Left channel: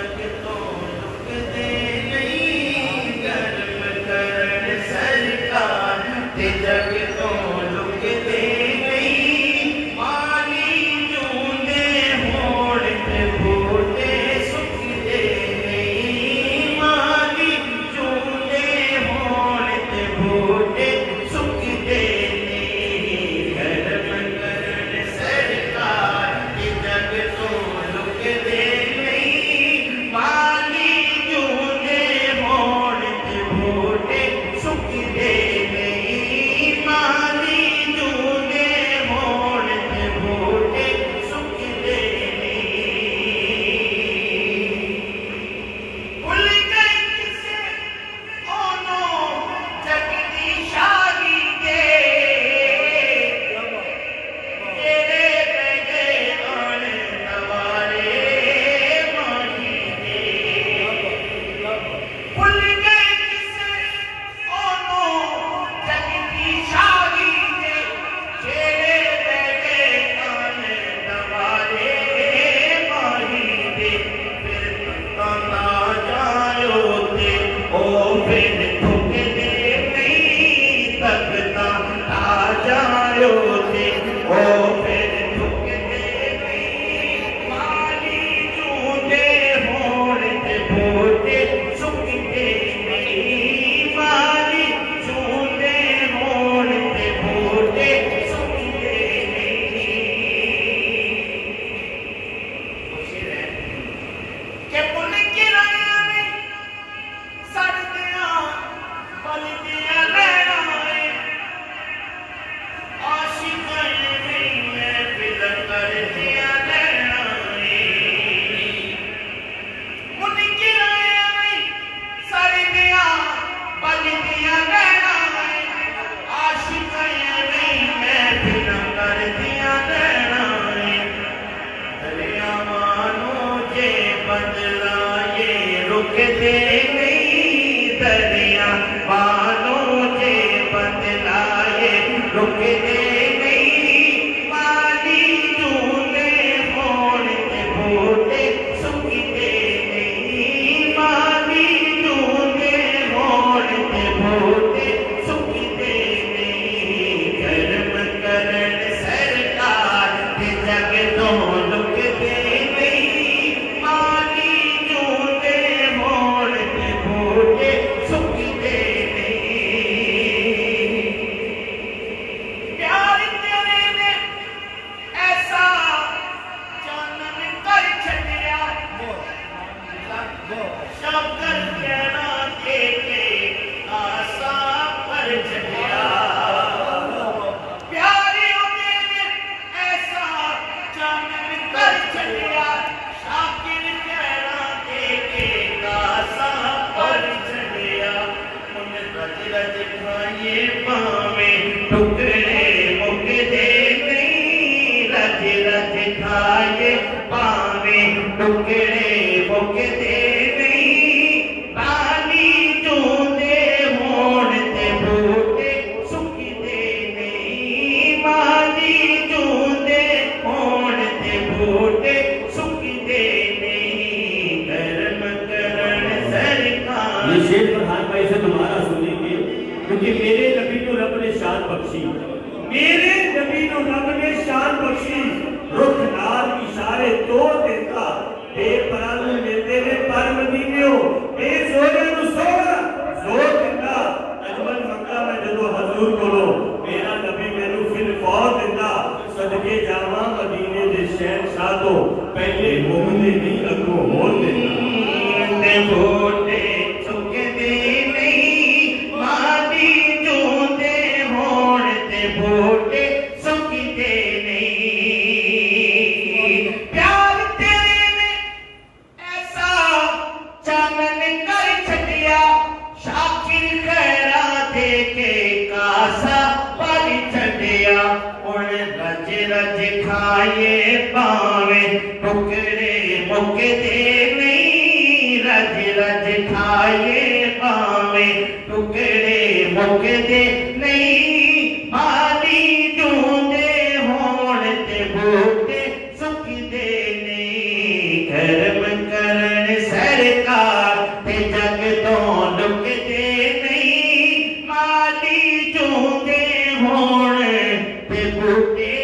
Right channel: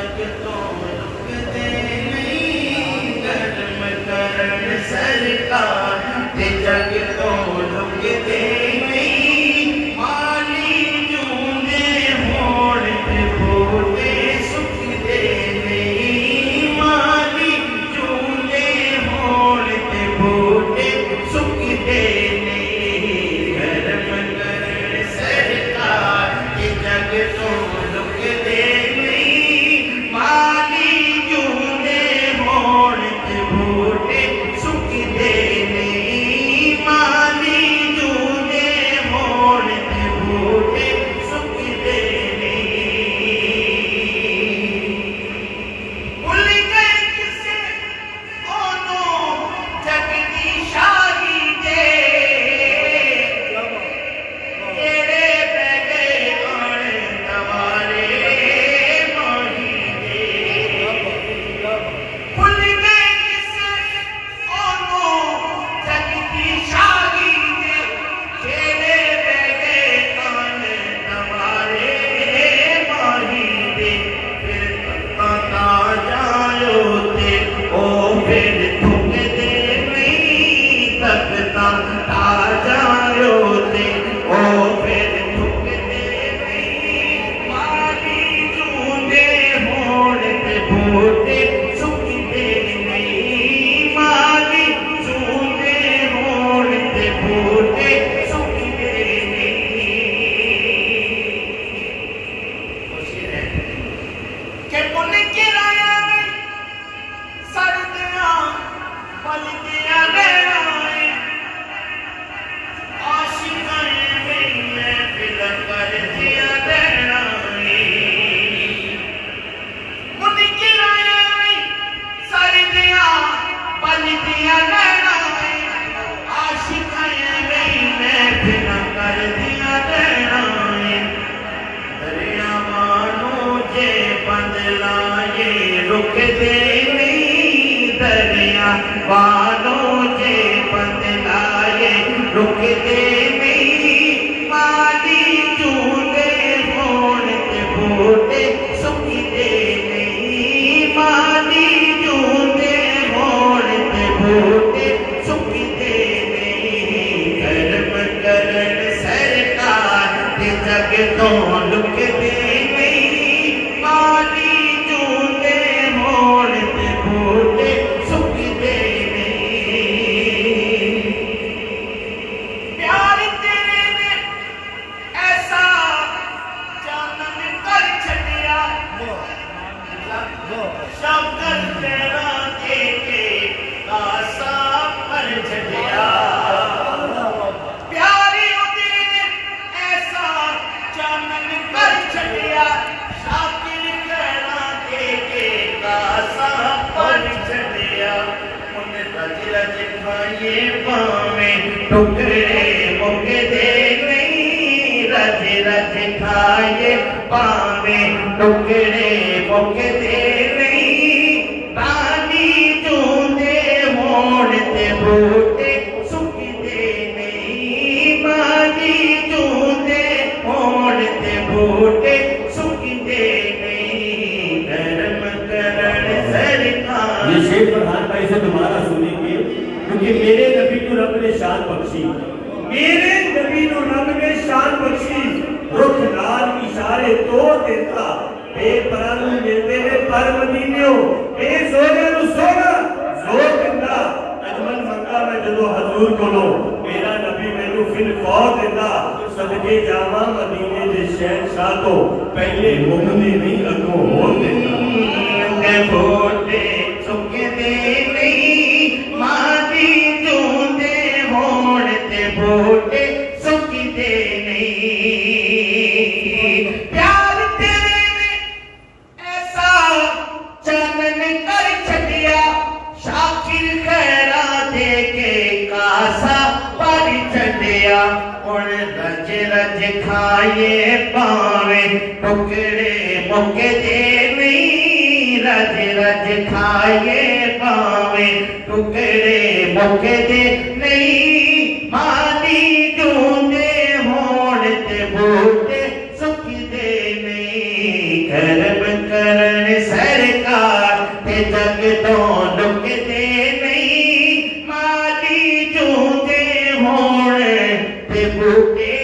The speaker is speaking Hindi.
जग तो रुकते नहीं कर्म करण सरकार ते जग तो रुकते नहीं माली जूंदे होण ते बूटे सुखदे नहीं माली जूंदे होण ते बूटे सुखदे नहीं कर्म करण सरकार ते जग तो रुकते रुकते नहीं दरिया बालों से बदलाए रुकते नहीं माली जूंदे होण ते बूटे सुखदे नहीं माली जूंदे होण ते बूटे सुखदे नहीं कर्म करण सरकार ते जग तो रुकते नहीं खाए पावे टुकड़े मुकदे नहीं रज रज खाए पावे टुकड़े मुकदे नहीं पानी जूंदे होण ते बूटे सुखदे नहीं पानी जूंदे होण ते बूटे सुखदे नहीं कर्म करण सरकार। ये शेर प्रधान भाई से तुम्हारा सुनेंगे क्योंकि मेरे नबी को रब ने शान बख्शी, मेरे नबी को रब ने शान बख्शी रुख नाल इशारे तो देता बेपरां मिलते ने पर मदीनियों बेजोरे नु सोना जोर देता अजमल मंगा मैं जदों हजूर कोलो मेरा नबी मैनू फिर फौत देता सदके जावा मदीने दे शहंशाह तो पहले मुकदे नहीं अगों होर देता बूटे सुखदे नहीं माली जूंदे होण ते बूटे सुखदे नहीं प्यार तेरे में ऐसा चानन कर छड़िया शाकिर खैरा दे के कासा पर छड़िया उन रज रज खाए पावे टुकड़े मुकदे रज रज खाए पावे टुकड़े मुकदे नहीं माली जूंदे होण ते बूटे सुखदे नहीं कर्म करण सरकार ते जग तो लुकदे नहीं माली जूंदे होण ते बूटे